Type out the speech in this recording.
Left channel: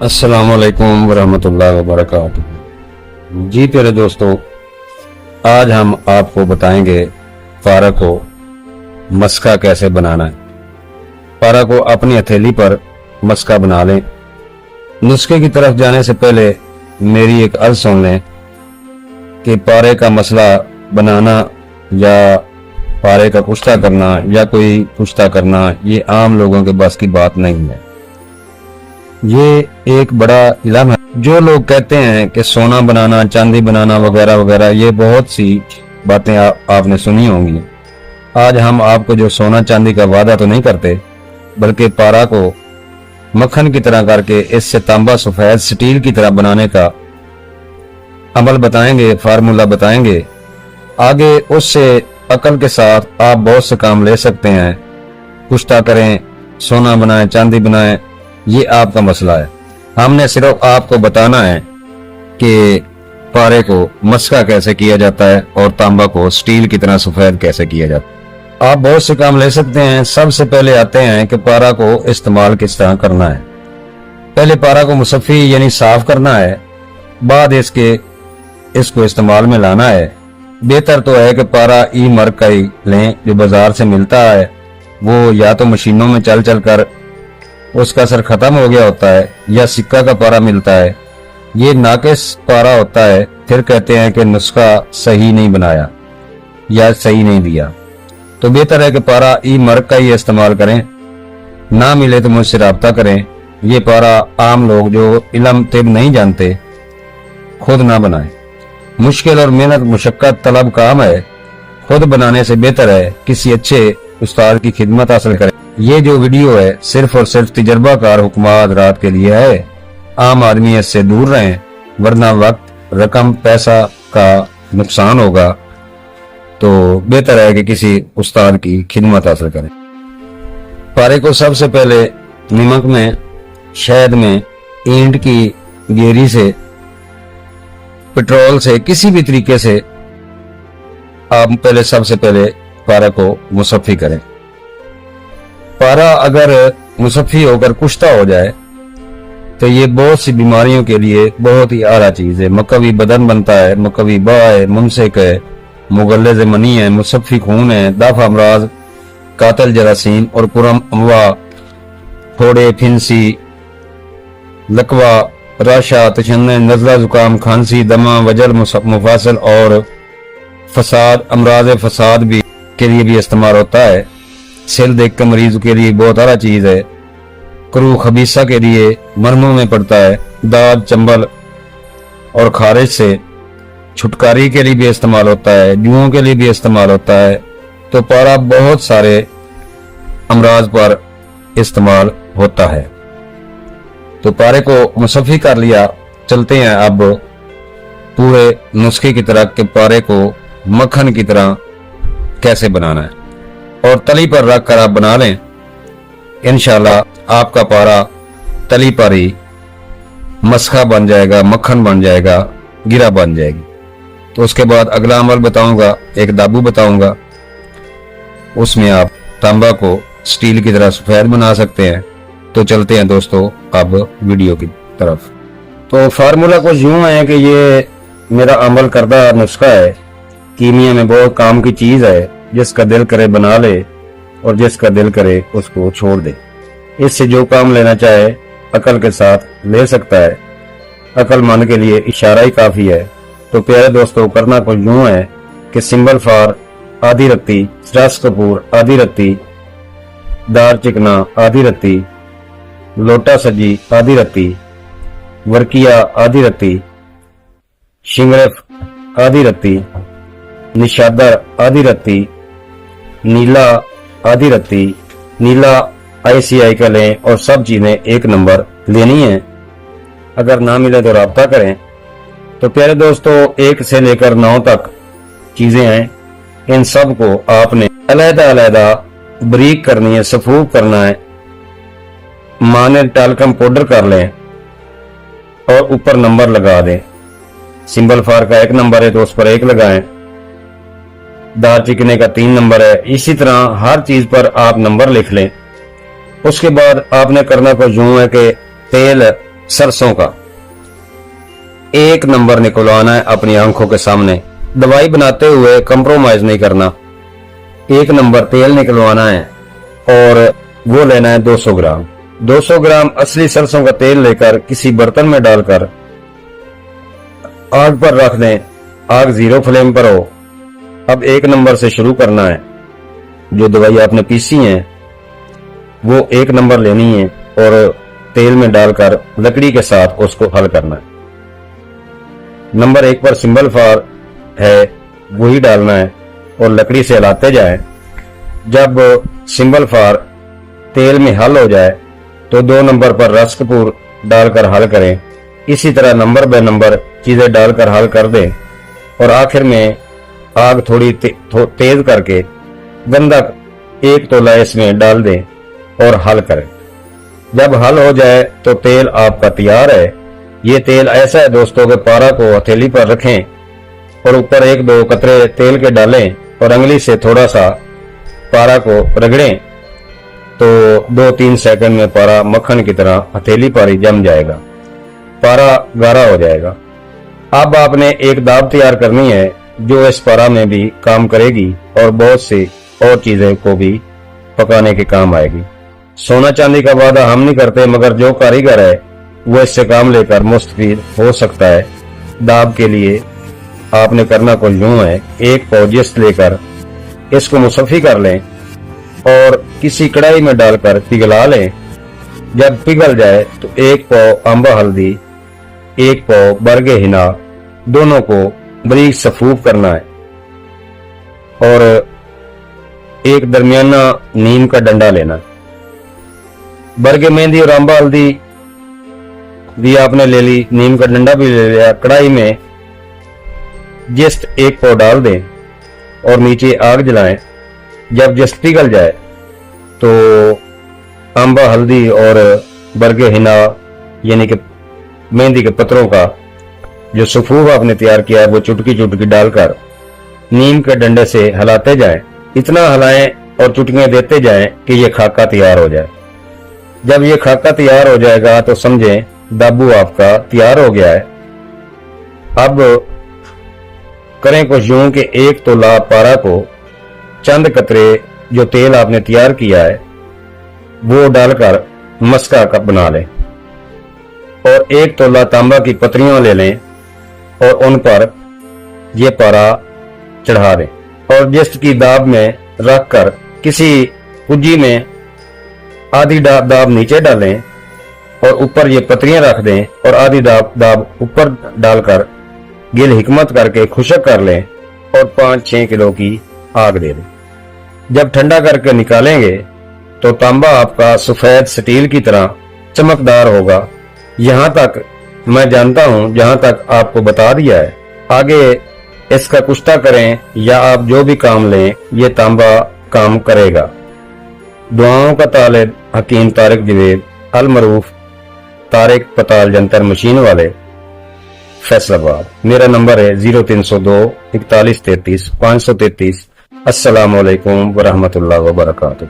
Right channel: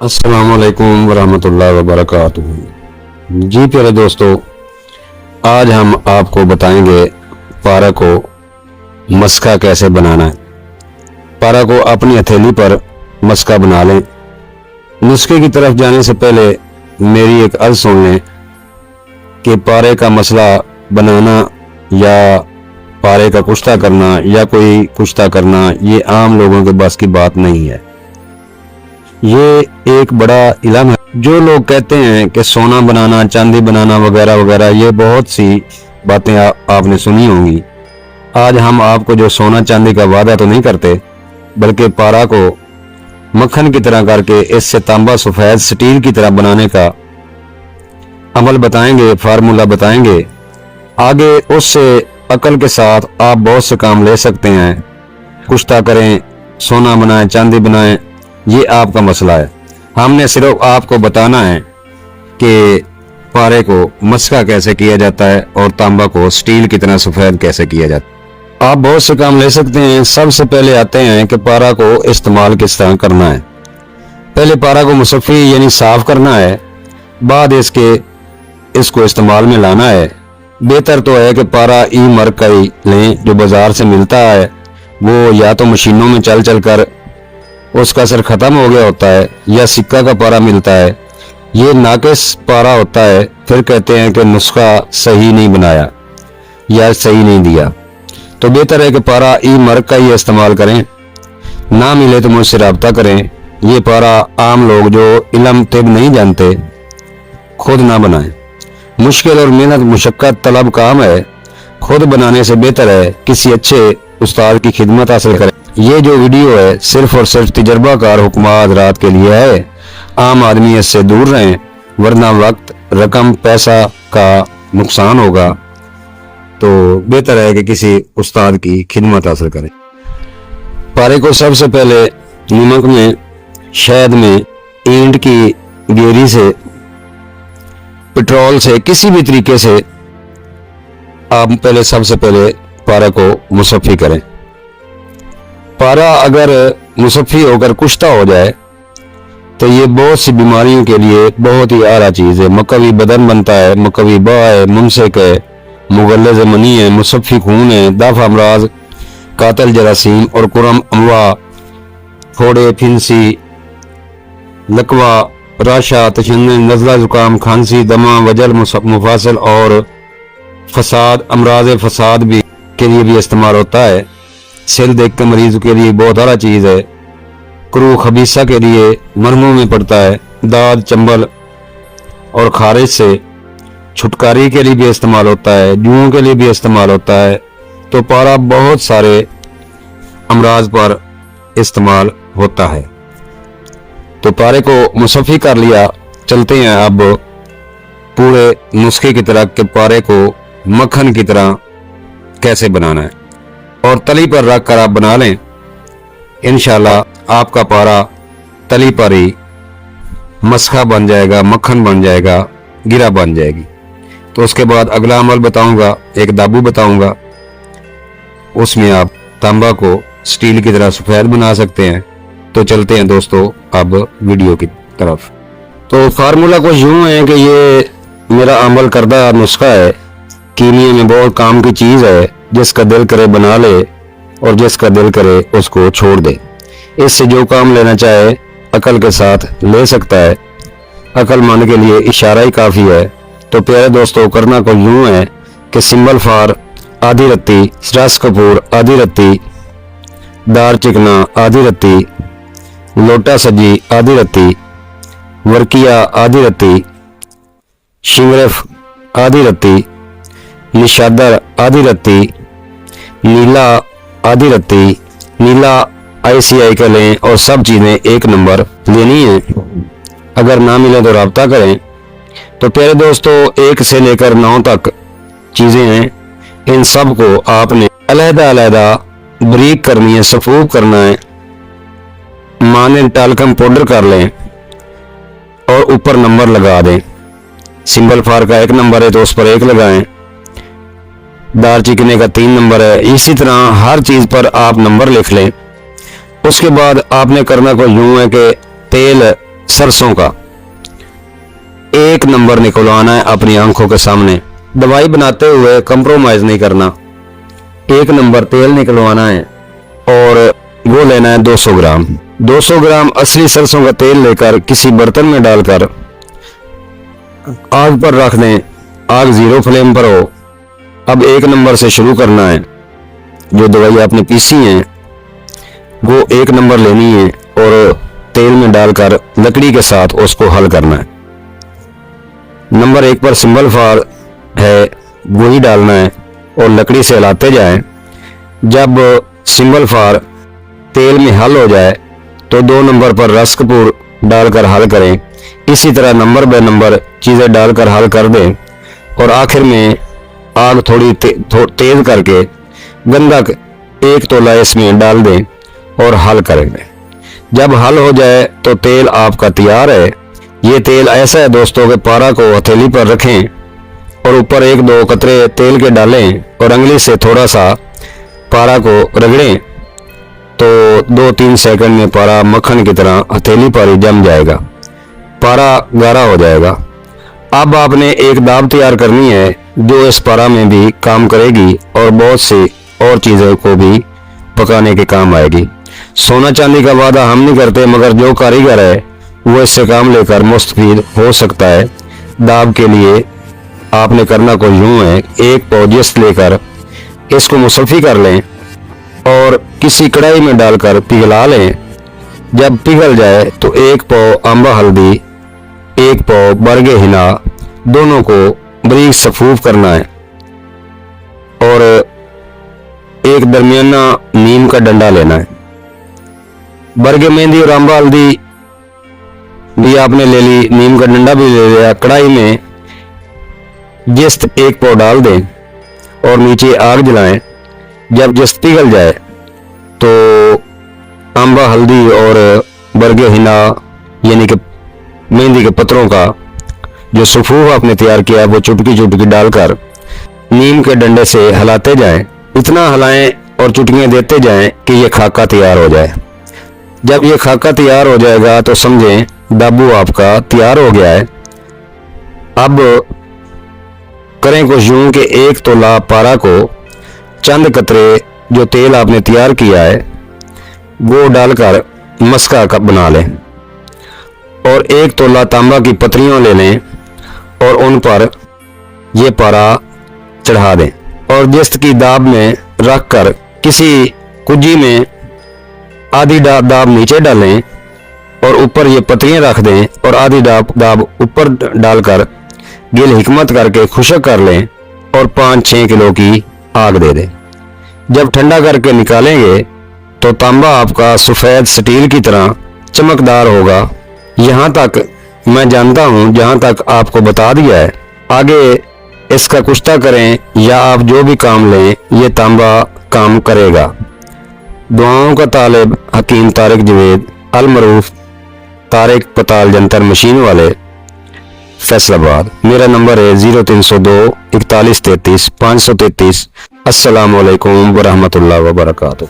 السلام علیکم ورحمۃ اللہ وبرکاتہ۔ جی پیارے دوستو، آج ہم آپ کو بتائیں گے پارا کو مسکا کیسے بنانا ہے۔ پارا کو اپنی ہتھیلی پر مسکا بنا لیں۔ نسخے کی طرف جانے سے پہلے میری ایک عرض سن لیں کہ پارے کا مسئلہ بنانا یا پارے کا کشتہ کرنا یا کوئی کشتہ کرنا، یہ عام لوگوں کے بس کی بات نہیں ہے۔ یہ ایک بڑا علم ہے۔ جو لوگ کہتے ہیں کہ سونا بنانا، چاندی بنانا وغیرہ وغیرہ، یہ بہت سی باتیں آپ نے سنی ہوں گی۔ آج ہم آپ کو جو سونا، چاندی کا وعدہ تو نہیں کرتے، بلکہ پارا کو مکھن کی طرح کر کے اس سے تانبا، سفید سٹیل کی طرح بنانے کا عمل بتائیں گے، فارمولا بتائیں گے۔ آگے اس سے عقل کے ساتھ آپ بہت سے کام لے سکتے ہیں۔ کشتہ کریں، سونا بنائیں، چاندی بنائیں یہ آپ کا مسئلہ ہے۔ ہم نے صرف آپ کو بتانا ہے کہ پارے کو مسکا کیسے کیا جاتا ہے اور تانبا کو سٹیل کی طرح سفید کیسے کیا جاتا ہے۔ آپ بہت سے کام لے سکتے ہیں۔ سب سے پہلے آتے ہیں کہ پارا کو استعمال کس طرح کرنا ہے۔ پہلے پارا کو مصفی یعنی صاف کرنا ہے۔ بعد اس کے اس کو استعمال میں لانا ہے۔ بہتر تو ہے کہ پارا ای مرک کا ہی لیں جو بازار سے ملتا ہے۔ وہ یا تو مشینوں میں چل چل کر اس کا اثر ختم ہو گیا ہوتا ہے یا سکہ کا پارا ملتا ہے۔ یہ ناقص پارا ہوتا ہے۔ پھر کہتے ہیں کہ نسخہ صحیح نہیں بنایا یا صحیح نہیں دیا۔ تو بہتر ہے کہ پارا ای مرک کا ہی استعمال کریں۔ نہ ملے تو مجھ سے رابطہ کریں۔ یہ پارا عام لوگ جو علم طب نہیں جانتے، خود نہ بنائیں۔ مشکل اور محنت، مشقت، طلب کام ہے۔ خود بنانے سے بہتر ہے۔ کسی اچھے استاد کی خدمت حاصل کریں۔ یہ جو ویڈیو ہے صرف اور صرف تجربہ کار حکمات رات کے لیے ہے۔ عام آدمی اس سے دور رہیں، ورنہ وقت، رقم، پیسہ کا نقصان ہوگا۔ تو بہتر ہے کہ کسی استاد کی خدمت حاصل کریں۔ پارے کو سب سے پہلے نمک میں، شہد میں، اینٹ کی گیری سے پٹرول سے، کسی بھی طریقے سے آپ پہلے سب سے پہلے پارا کو مصفی کریں۔ پارا اگر مصفی ہو کر کشتہ ہو جائے، تو یہ بہت سی بیماریوں کے لیے بہت ہی اعلیٰ چیز ہے۔ مکوی بدن بنتا ہے مکوی با ہے منسک ہے، مغلظ منی ہے، مصفی خون ہے دافع امراض، قاتل جراثیم اور کرم اموا، پھوڑے، پھنسی، لکوا، راشا تشنن نزلہ، زکام، کھانسی دمہ وجل مفاصل اور فساد، امراض فساد بھی کے لیے بھی استعمال ہوتا ہے۔ سل دیکھ کے مریض کے لیے بہت اعلیٰ چیز ہے۔ کرو خبیصہ کے لیے مرموں میں پڑتا ہے، داد، چمبل اور خارج سے چھٹکاری کے لیے بھی استعمال ہوتا ہے جوؤں کے لیے بھی استعمال ہوتا ہے۔ تو پارا بہت سارے امراض پر استعمال ہوتا ہے۔ تو پارے کو مصفی کر لیا، چلتے ہیں اب پورے نسخے کی طرح کے پارے کو مکھن کی طرح کیسے بنانا ہے۔ اور تلی پر رکھ کر آپ بنا لیں۔ انشاءاللہ آپ کا پارا تلی پر ہی مسخہ بن جائے گا، مکھن بن جائے گا، گرا بن جائے گی۔ تو اس کے بعد اگلا عمل بتاؤں گا، ایک دابو بتاؤں گا۔ اس میں آپ تانبا کو سٹیل کی طرح سفید بنا سکتے ہیں۔ تو چلتے ہیں دوستو اب ویڈیو کی طرف۔ تو فارمولا کچھ یوں ہے کہ یہ میرا عمل کردہ نسخہ ہے۔ کیمیا میں بہت کام کی چیز ہے۔ جس کا دل کرے بنا لے اور جس کا دل کرے اس کو چھوڑ دے۔ اس سے جو کام لینا چاہے، عقل کے ساتھ لے سکتا ہے۔ عقل مند کے لیے اشارہ ہی کافی ہے۔ تو پیارے دوستو، کرنا کو یوں ہے کہ سمبل فار، آدھی رتی سرس کپور، آدھی رتی، دار چکنا، آدھی رتی، لوٹا سجی، آدھی رتی، ورکیا، آدھی رتی شنگرف آدھی رتی، نشادر، آدھی رتی نیلا آدھی رتی نیلا آئی سی آئی کا لیں اور سب چیزیں ایک نمبر لینی ہیں اگر نہ ملے تو رابطہ کریں تو پیارے دوستو ایک سے لے کر نو تک چیزیں ہیں ان سب کو آپ نے علیحدہ علیحدہ بریک کرنی ہے سفوک کرنا ہے مانے ٹالکم پاؤڈر کر لیں اور اوپر نمبر لگا دیں سمبل فار کا ایک نمبر ہے تو اس پر ایک لگائیں دار چکنے کا تین نمبر ہے۔ اسی طرح ہر چیز پر آپ نمبر لکھ لیں۔ اس کے بعد آپ نے کرنا کو یوں ہے کہ تیل سرسوں کا۔ ایک نمبر نکلوانا ہے اپنی آنکھوں کے سامنے۔ دوائی بناتے ہوئے کمپرومائز نہیں کرنا۔ ایک نمبر تیل نکلوانا ہے اور وہ لینا ہے دو سو گرام۔ دو سو گرام اصلی سرسوں کا تیل لے کر کسی برتن میں ڈال کر۔ آگ پر رکھ دیں۔ آگ زیرو فلیم پر ہو۔ اب ایک نمبر سے شروع کرنا ہے۔ جو دوائی آپ نے پیسی ہیں، وہ ایک نمبر لینی ہے اور تیل میں ڈال کر لکڑی کے ساتھ اس کو حل کرنا ہے۔ نمبر ایک پر سمبل فار ہے، وہی ڈالنا ہے اور لکڑی سے ہلاتے جائیں۔ جب سمبل فار تیل میں حل ہو جائے، تو دو نمبر پر رس کپور ڈال کر حل کریں۔ اسی طرح نمبر بے نمبر چیزیں ڈال کر حل کر دیں۔ اور آخر میں آگ تھوڑی تیز کر کے گندا ایک تولا اس میں ڈال دیں اور حل کریں دیں جب حل ہو جائے تو تیل آپ کا تیار ہے۔ یہ تیل ایسا ہے دوستوں کہ پارا کو ہتھیلی پر رکھیں اور اوپر ایک دو قطرے تیل کے ڈالیں اور انگلی سے تھوڑا سا پارا کو رگڑیں تو دو تین سیکنڈ میں پارا مکھن کی طرح ہتھیلی پر ہی جم جائے گا۔ پارا گارا ہو جائے گا۔ اب آپ نے ایک داب تیار کرنی ہے۔ جو اس پارا میں بھی کام کرے گی اور بہت سی اور چیزوں کو بھی پکانے کے کام آئے گی۔ سونا چاندی کا وعدہ ہم نہیں کرتے، مگر جو کاریگر ہے، وہ اس سے کام لے کر مستفید ہو سکتا ہے۔ داب کے لیے آپ نے کرنا کو یوں ہے، ایک پوجس لے کر اس کو مصفی کر لیں اور کسی کڑائی میں ڈال کر پگھلا لیں۔ جب پگھل جائے تو ایک پاؤ آمبا ہلدی، ایک پاؤ برگ ہنا، دونوں کو بریک صفوف کرنا ہے۔ اور ایک درمیانہ نیم کا ڈنڈا لینا ہے۔ برگ مہندی اور آمبا ہلدی بھی آپ نے لے لی نیم کا ڈنڈا بھی لے لیا۔ کڑھائی میں جست ایک پاؤ ڈال دیں اور نیچے آگ جلائیں۔ جب جست پگھل جائے تو آمبا، ہلدی اور برگ ہنا یعنی کہ مہندی کے پتروں کا جو سفوف آپ نے تیار کیا وہ چٹکی چٹکی ڈال کر نیم کے ڈنڈے سے ہلاتے جائیں۔ اتنا ہلائیں اور چٹکیاں دیتے جائیں کہ یہ خاکہ تیار ہو جائے۔ جب یہ خاکہ تیار ہو جائے گا تو سمجھیں دابو آپ کا تیار ہو گیا ہے۔ اب کریں کچھ یوں کہ ایک تولا پارا کو چند قطرے جو تیل آپ نے تیار کیا ہے، وہ ڈال کر مسکا کا بنا لیں۔ اور ایک تولا تانبا کی پتریوں لے لیں۔ اور ان پر یہ پارا چڑھا دیں اور جست کی داب میں رکھ کر کسی کجی میں آدھی داب, داب نیچے ڈالیں اور اوپر یہ پتریاں رکھ دیں اور آدھی داب داب اوپر ڈال کر گل حکمت کر کے خشک کر لیں اور پانچ چھ کلو کی آگ دے دیں۔ جب ٹھنڈا کر کے نکالیں گے تو تانبا آپ کا سفید سٹیل کی طرح چمکدار ہوگا۔ یہاں تک میں جانتا ہوں، جہاں تک آپ کو بتا دیا ہے، آگے اس کا کشتہ کریں یا آپ جو بھی کام لیں، یہ تانبا کام کرے گا۔ دعاؤں کا طالب حکیم طارق جوید المروف طارق پتال جنتر مشین والے، فیصل آباد۔ میرا نمبر ہے زیرو تین سو دو، اکتالیس تینتیس، پانچ سو تینتیس۔ السلام علیکم ورحمۃ اللہ وبرکاتہ۔